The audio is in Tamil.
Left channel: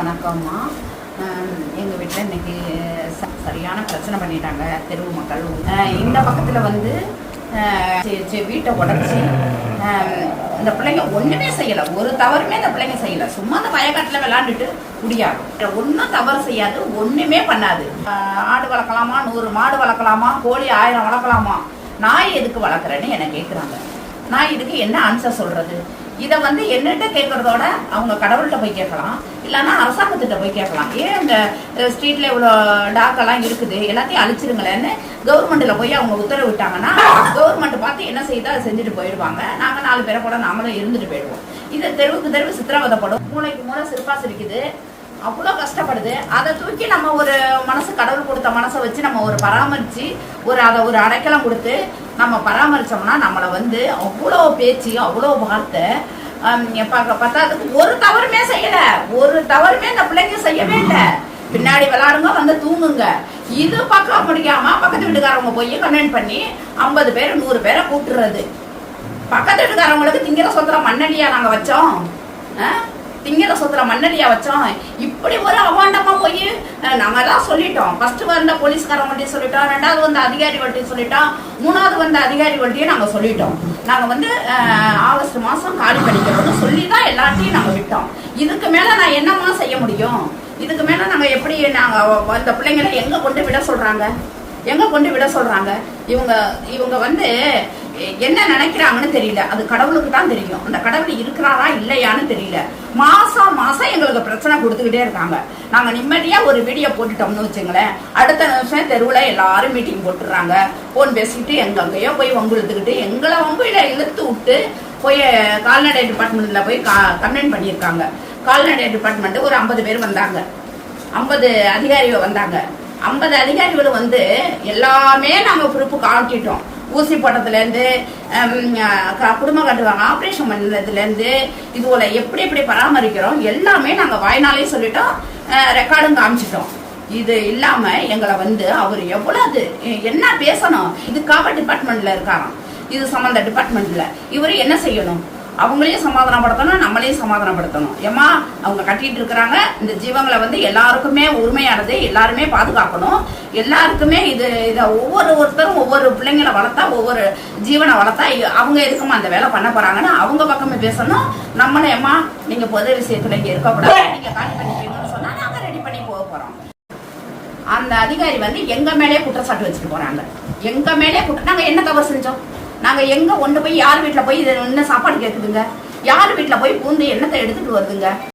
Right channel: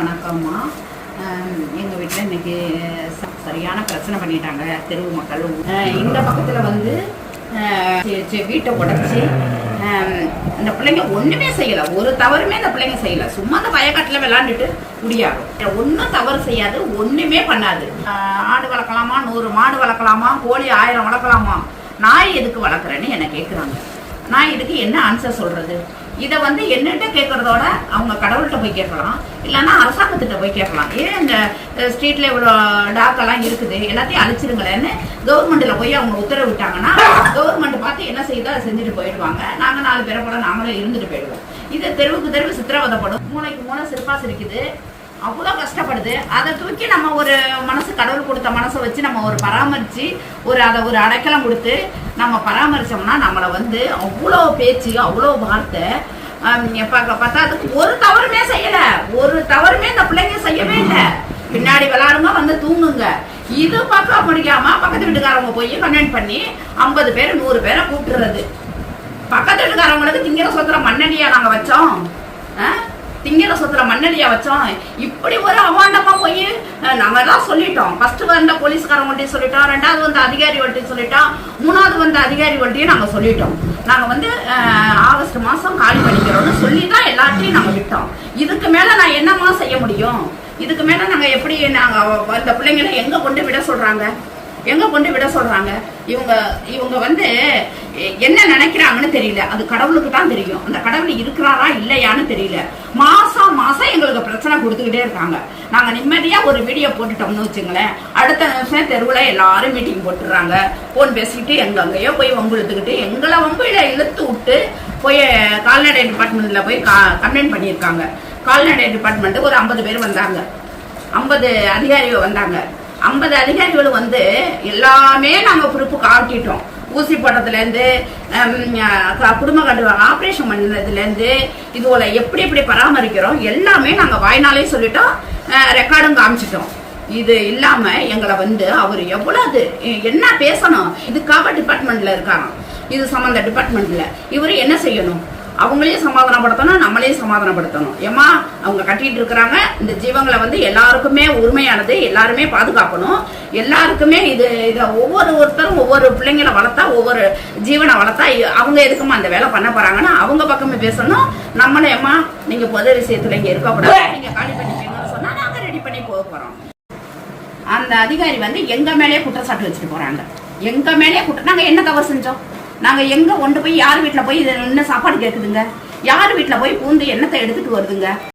வணக்கம்மா. எங்கள் வீட்டில் இன்னைக்கு சரியான பிரச்சனை பண்ணிட்டாங்க தெருவு மக்கள். இந்த பக்கத்தில் வந்து வீட்டை உடச்சி அந்த பிள்ளைங்க ஒன்றுமே செய்யலை, ஒரு தவறுமே அந்த பிள்ளைங்க செய்யலை. சும்மா அந்த வயக்காட்டில் விளாண்டுட்டு முடியாது, ஒன்றும் தவறு செய்யாது, ஒன்றுமே பண்ணாது. ஆடு வளர்க்கலாமா, 100 மாடு வளர்க்கலாமா, கோழி 1000 வளர்க்கலாமா, நாய் எதுக்கு வளர்க்குறேன்னு என்னை கேட்குறாங்க. நான் இதுக்கு என்ன ஆன்சர் சொல்றது? இதை வந்து என்னட்ட கேட்கறதோட அவங்க கடவுள்கிட்ட போய் கேட்கலாம், இல்லைன்னா அரசாங்கத்திட்ட போய் கேட்கலாம். ஏன் இந்த ஸ்ட்ரீட்ல இவ்வளோ டாக்கெல்லாம் இருக்குது, எல்லாத்தையும் அழிச்சிருங்களேன்னு கவர்மெண்ட்ல போய் அவங்க உத்தரவு விட்டாங்கன்னா கவர்மெண்ட் பார்த்து என்ன செய்யுதோ அதை செஞ்சுட்டு போயிடுவாங்க. நாங்கள் 4 பேரை போல நாங்களும் இருந்துட்டு போயிடுவோம். இது தெருவுக்கு தெருவு சித்திரவதைப்படும், மூளைக்கு மூளை சிற்பாசு இருக்குது, அவ்வளோ கஷ்டப்படுது. அதை தூக்கி நம்ம ஒரு மனசு, கடவுள் கொடுத்த மனசை வச்சு நம்ம ஒரு பராமரித்து அதை ஒரு அடைக்கலம் கொடுத்து நம்ம பராமரித்தோம்னா நம்மளை வந்து அவ்வளோ பேச்சு, அவ்வளோ வார்த்தை. பத்தாததுக்கு ஒரு தவறுமே செய்யலை, ஒரு தவறுமே இந்த பிள்ளைங்க செய்யவே இல்லை. பின்னாடி விளையாடுங்க, வந்து தூங்குங்க. இது பார்க்க முடியாம பக்கத்து வீட்டுக்காரவங்க போய் கன்வென்ட் பண்ணி 50 பேர் 100 பேரை கூப்பிடுறது. பக்கத்து வீட்டுக்காரவங்களுக்கு திங்கிற சொத்துல மண்ணடியா நாங்க வச்சோம், திங்கிற சொத்துல மண்ணடியா வச்சோம். இப்படி ஒரு அவாண்டமா போய் நாங்க தான் சொல்லிட்டோம். ஃபர்ஸ்ட் வந்த போலீஸ்காரவங்கள்ட்டையும் சொல்லிட்டோம், 2வது வந்த அதிகாரிகள்ட்டையும் சொல்லிட்டோம், 3வது வந்த அதிகாரிகள்ட்டையும் நாங்க சொல்லிட்டோம். நாங்க வந்து ஆகஸ்ட் மாசம் காலி பண்ணிக்கிறோம்னு சொல்லிதான் எல்லாத்தையும் நாங்க விட்டோம். இதுக்கு மேல நான் என்னமா செய்ய முடியும்? இதுக்கு மேல நாங்க எப்படி நாங்க அந்த பிள்ளைங்களை எங்க கொண்டு விட சொல்றாங்க, எங்க கொண்டு விட சொல்றாங்க? இவங்க வந்து என்ன நினைக்கிறாங்கன்னு தெரியல, அது கடவுளுக்கு தான் தெரியும். அந்த கடவுள் இருக்கிறாரா இல்லையான்னு தெரியல. மாசம் மாசம் எங்களுக்கு பிரச்சனை கொடுத்துக்கிட்டே இருக்காங்க. நாங்க நிம்மதியா ஒரு வீடியோ போட்டுட்டோம்னு வச்சுங்களேன், அடுத்த நிமிஷம் தெருவுல எல்லாரும் மீட்டிங் போட்டுறாங்க, போன் பேசிக்கிட்டு எங்கெங்கயோ போய் வம்பு இழுத்துக்கிட்டு எங்களை வம்பு இழுத்து விட்டு போய் கால்நடை டிபார்ட்மெண்ட்ல போய் கம்ப்ளைண்ட் பண்ணியிருக்காங்க. கால்நடை டிபார்ட்மெண்ட் ஒரு 50 பேர் வந்தாங்க, 50 அதிகாரிகள் வந்தாங்க. 50 அதிகாரிகளும் வந்து எல்லாமே நாங்க பொறுப்பு காட்டிட்டோம். ஊசி போட்டதுல இருந்து குடும்ப கட்டுவாங்க, ஆபரேஷன் பண்ணதுல இருந்து இதுல எப்படி எப்படி பராமரிக்கிறோம் எல்லாமே நாங்க வாய்னாலே சொல்லிட்டோம், ரெக்கார்டும் காமிச்சிட்டோம். இது இல்லாம எங்களை வந்து அவர் எவ்வளவு என்ன பேசணும், இதுக்காக டிபார்ட்மெண்ட்ல இருக்காராம், இது சம்பந்த டிபார்ட்மெண்ட்ல இவரு என்ன செய்யணும்? அவங்களையும் சமாதானப்படுத்தணும், நம்மளையும் சமாதானப்படுத்தணும். ஏமா அவங்க கட்டிட்டு இருக்கிறாங்க, இந்த ஜீவங்களை வந்து எல்லாருக்குமே உரிமையானது, எல்லாருமே பாதுகாக்கணும். எல்லாருக்குமே இதை ஒவ்வொருத்தரும் ஒவ்வொரு பிள்ளைங்களை வளர்த்தா, ஒவ்வொரு ஜீவனை வளர்த்தா அவங்க எதுக்குமா அந்த வேலை பண்ண போறாங்கன்னா அவங்க பக்கமே பேசணும். நம்மளே ஏமா நீங்க பொது விஷயத்துல இங்க இருக்கக்கூடாது, நீங்க காலி பண்ணிக்கணும்னு சொன்னா நாங்க ரெடி பண்ணி போக போறோம். அந்த அதிகாரி வந்து எங்க மேலேயே குற்றச்சாட்டு வச்சுட்டு போறாங்க. எங்க மேலேயே நாங்க என்ன தவறு செஞ்சோம்? நாங்க எங்க கொண்டு போய் யார் வீட்டுல போய் என்ன சாப்பாடு கேக்குதுங்க? யார் வீட்டுல போய் பூந்து என்னத்தை எடுத்துட்டு வருதுங்க?